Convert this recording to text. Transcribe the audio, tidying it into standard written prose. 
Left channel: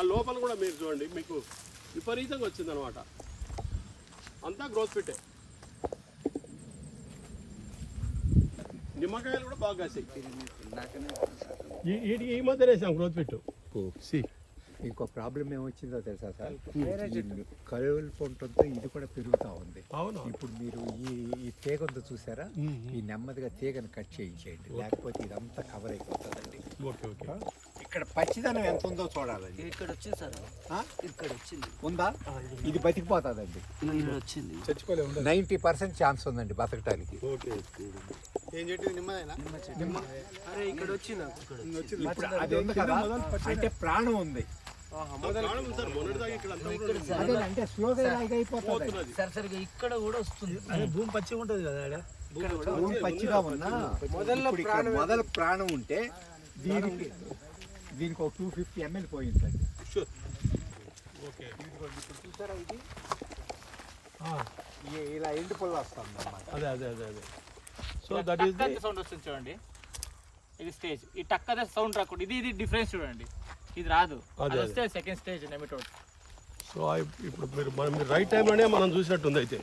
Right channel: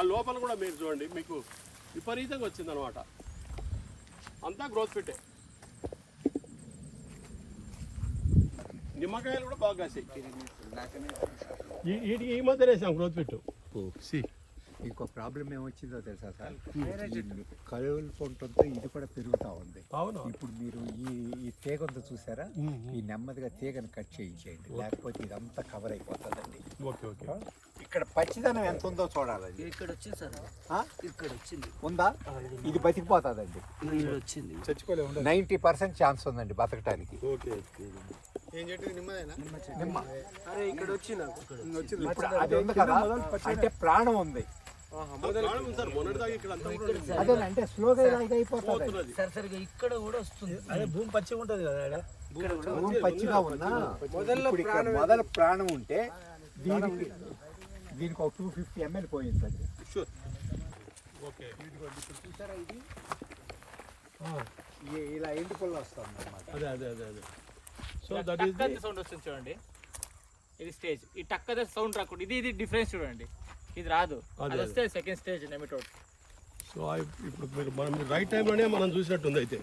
ఆ లోపల కూడా మీరు చూడండి, మీకు విపరీతంగా వచ్చిందనమాట. అంతా గ్రోత్ పెట్టే. నిమ్మకాయలు కూడా బాగా కాసాయి. ఈ మధ్య వేసాం గ్రోత్ పెట్టు. ఇంకో ప్రాబ్లం ఏమొచ్చిందో తెలుసా సార్, కలువలు పొంటంతో ఇది కూడా పెరుగుతూ ఉంది. అవును. ఇప్పుడు మీరు ఈ తీగ ఉందో చూసారా, ఈ నెమ్మదిగా తీగను కట్ చేయించేయండి, లేకపోతే ఇదంతా కవర్ అయిపోతుందండి. Okay okay. ఇక్కడ పచ్చిదనం ఎంత ఉందో చూడాలండి. ఇక్కడ వచ్చింది సార్, ఇక్కడ వచ్చింది ఉందా, ఇది బతికిపోతుందండి. వచ్చింది 90% ఛాన్స్ ఉందండి బతకటానికి. అరే ఇక్కడ వచ్చింది, అది ఉంది కదా, అంటే ప్రాణం ఉంది. అంటే స్లోగా అయిపోతుంది. సరిసరిగా ఇక్కడ కూడా వస్తుంది. అదే భూమి పచ్చిగా ఉంటుంది కదా, భూమి పచ్చిగా ఉన్నా మొదల ప్రాణం ఉంటే దీనికి ఒక 250 ml పోయిందండి. ఇప్పుడు చూసారా, ఇది ఇలా ఎండు పుల్ల వస్తుంది అన్నమాట. So that is the sound వస్తుంది చూడండి. ఇది స్టేజ్, ఈ టక్క సౌండ్ రాకుండా ఇది డిఫరెన్స్ చూడండి. ఇది రాదు, అది వస్తే సెకండ్ స్టేజ్ నెమిటోడ్. సో ఇప్పుడు మీరు రైట్ టైంలోనే మనం చూసినట్టుంది అయితే.